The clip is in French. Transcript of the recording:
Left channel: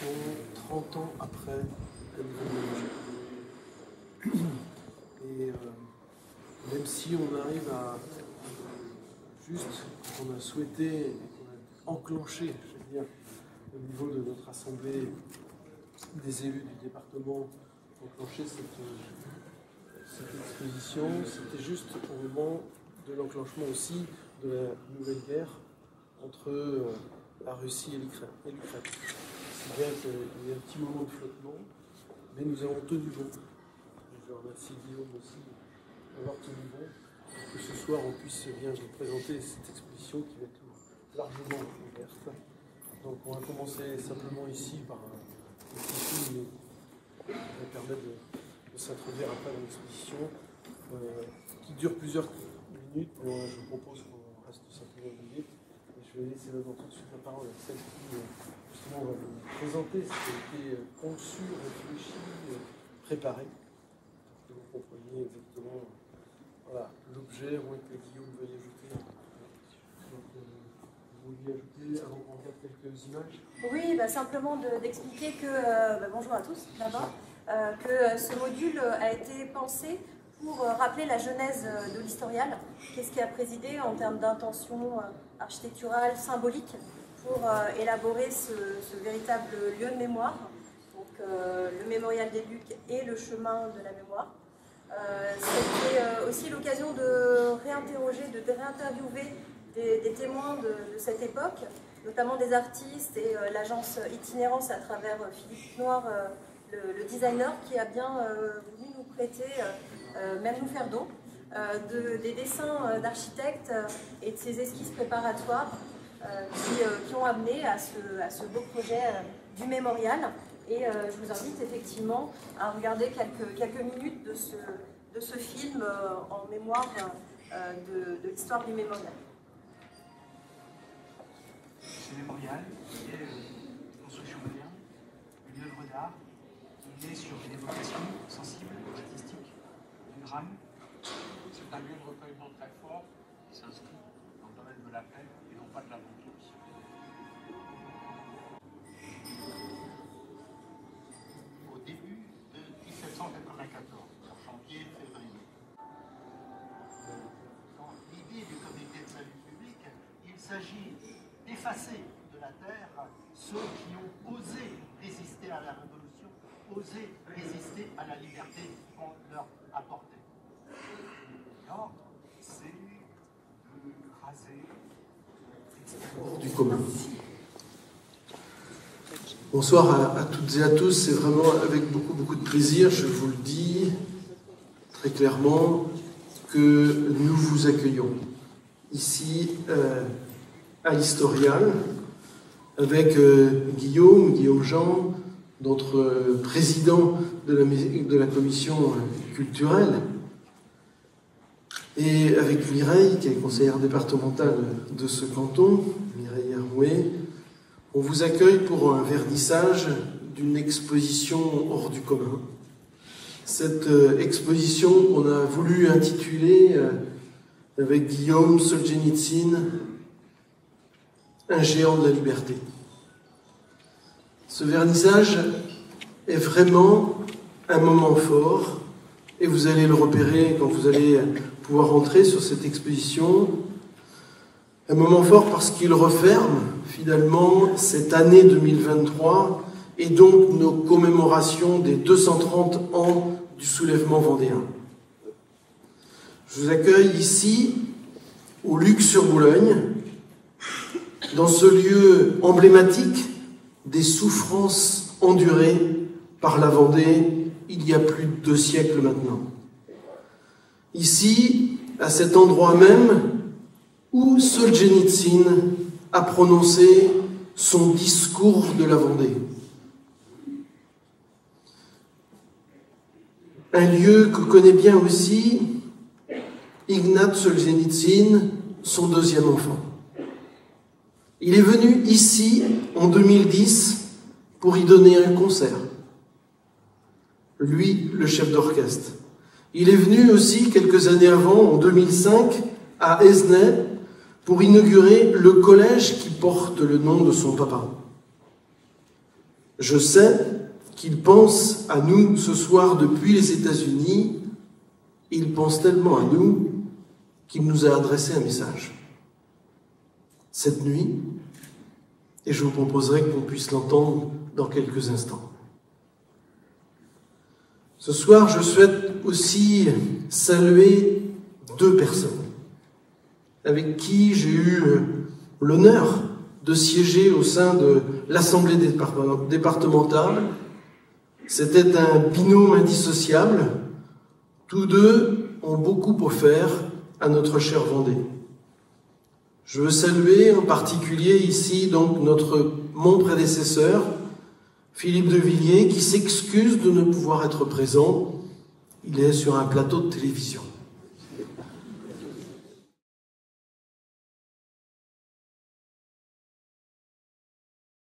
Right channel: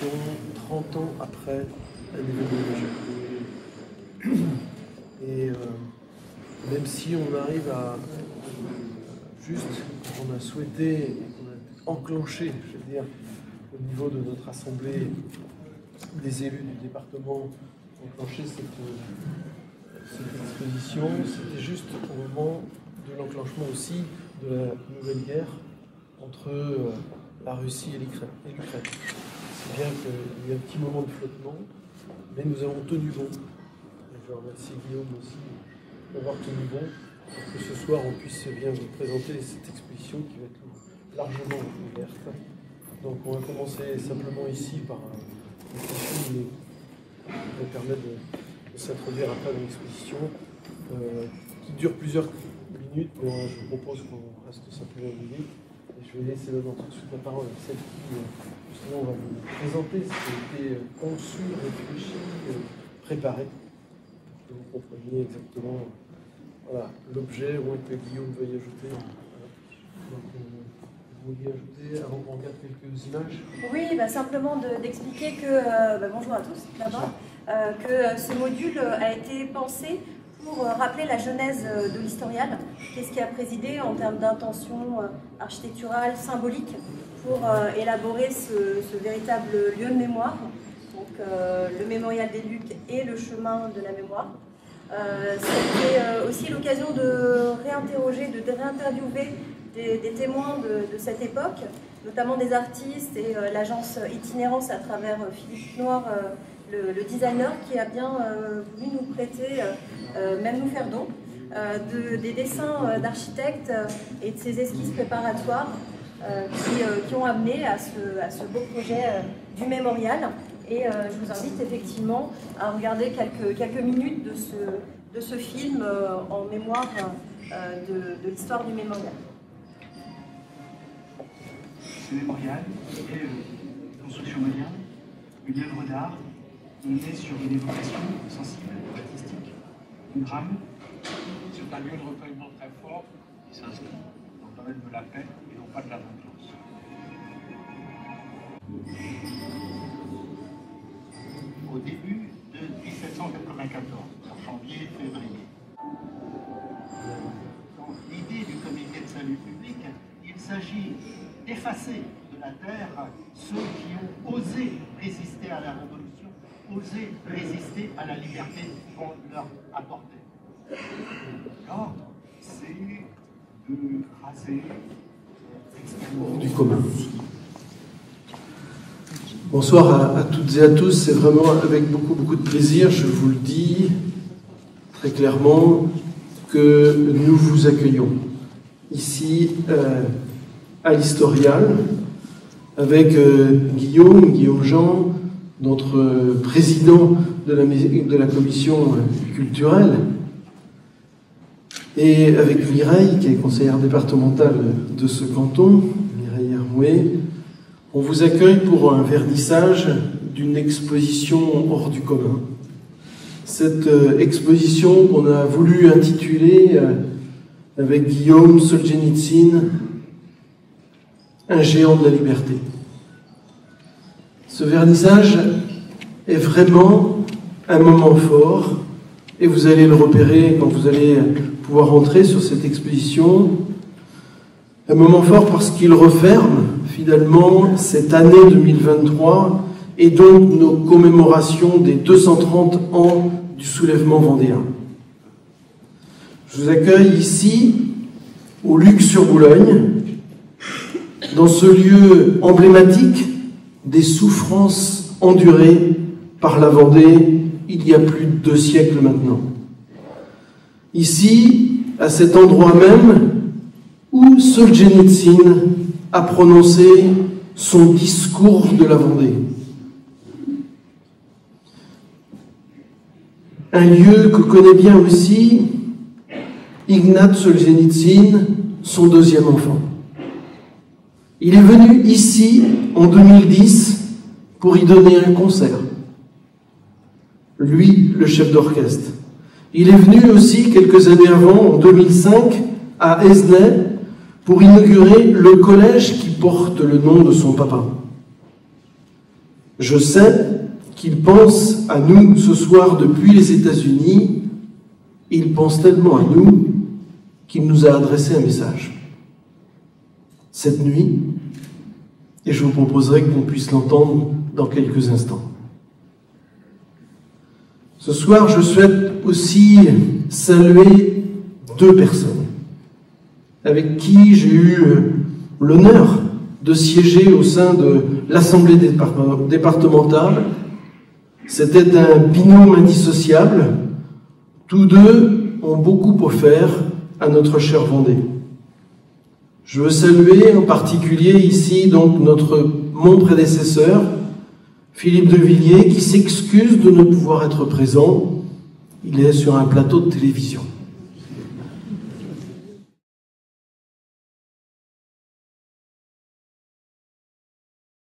exposition 30 ans après l'événement majeur. Et même si on arrive à juste, on a souhaité et qu'on a enclenché, je veux dire, au niveau de notre assemblée des élus du département, enclencher cette exposition, c'était juste au moment de l'enclenchement aussi de la nouvelle guerre entre la Russie et l'Ukraine. Si bien qu'il y a un petit moment de flottement, mais nous avons tenu bon. Et je remercie Guillaume aussi d'avoir tenu bon pour que ce soir on puisse bien vous présenter cette exposition qui va être largement ouverte. Donc on va commencer simplement ici par un petit film qui va permettre de s'introduire après dans l'exposition, qui dure plusieurs minutes, mais je vous propose qu'on reste simplement une minute. Et je vais laisser tout de suite la parole à celle qui justement va vous présenter ce qui a été conçu, réfléchi, préparé, pour que vous compreniez exactement l'objet, au moins que Guillaume veuille ajouter. Donc, vous vouliez ajouter, avant qu'on regarde quelques images? Oui, simplement d'expliquer que, bonjour à tous d'abord, que ce module a été pensé pour rappeler la genèse de l'historial, qu'est-ce qui a présidé en termes d'intention architecturale, symbolique, pour élaborer ce véritable lieu de mémoire, donc le mémorial des Lucs et le chemin de la mémoire. C'était aussi l'occasion de réinterroger, de réinterviewer des témoins de cette époque, notamment des artistes et l'agence Itinérance à travers Philippe Noir, le designer, qui a bien voulu nous prêter, même nous faire don, des dessins d'architectes et de ces esquisses préparatoires qui ont amené à ce beau projet du mémorial. Et je vous invite effectivement à regarder quelques minutes de ce film en mémoire de l'histoire du mémorial. Ce mémorial est une construction moderne, une œuvre d'art. On est sur une évocation sensible, artistique, du drame. C'est un lieu de recueillement très fort qui s'inscrit dans le domaine de la paix et non pas de la vengeance. Au début de 1794, en janvier-février, dans l'idée du comité de salut public, il s'agit d'effacer de la terre ceux qui ont osé résister à la révolution, osé résister à la liberté qu'on leur apportait. L'ordre, c'est de raser du commun. Bonsoir à toutes et à tous, c'est vraiment avec beaucoup de plaisir, je vous le dis très clairement, que nous vous accueillons ici à l'Historial, avec Guillaume Jean, notre président de la commission culturelle, et avec Mireille, qui est conseillère départementale de ce canton, Mireille Hermouet. On vous accueille pour un vernissage d'une exposition hors du commun. Cette exposition qu'on a voulu intituler avec Guillaume Solzhenitsyn, un géant de la liberté. Ce vernissage est vraiment un moment fort, et vous allez le repérer quand vous allez pouvoir entrer sur cette exposition. Un moment fort parce qu'il referme finalement cette année 2023 et donc nos commémorations des 230 ans du soulèvement vendéen. Je vous accueille ici, au Luc-sur-Boulogne, dans ce lieu emblématique des souffrances endurées par la Vendée il y a plus de 2 siècles maintenant. Ici, à cet endroit même où Solzhenitsyn a prononcé son discours de la Vendée. Un lieu que connaît bien aussi Ignat Solzhenitsyn, son 2e enfant. Il est venu ici en 2010 pour y donner un concert. Lui, le chef d'orchestre. Il est venu aussi quelques années avant, en 2005, à Esnay, pour inaugurer le collège qui porte le nom de son papa. Je sais qu'il pense à nous ce soir depuis les États-Unis. Il pense tellement à nous qu'il nous a adressé un message. Cette nuit, et je vous proposerai qu'on puisse l'entendre dans quelques instants. Ce soir, je souhaite aussi saluer 2 personnes avec qui j'ai eu l'honneur de siéger au sein de l'Assemblée départementale. C'était un binôme indissociable. Tous 2 ont beaucoup offert à notre chère Vendée. Je veux saluer en particulier ici donc mon prédécesseur, Philippe de Villiers, qui s'excuse de ne pouvoir être présent. Il est sur un plateau de télévision.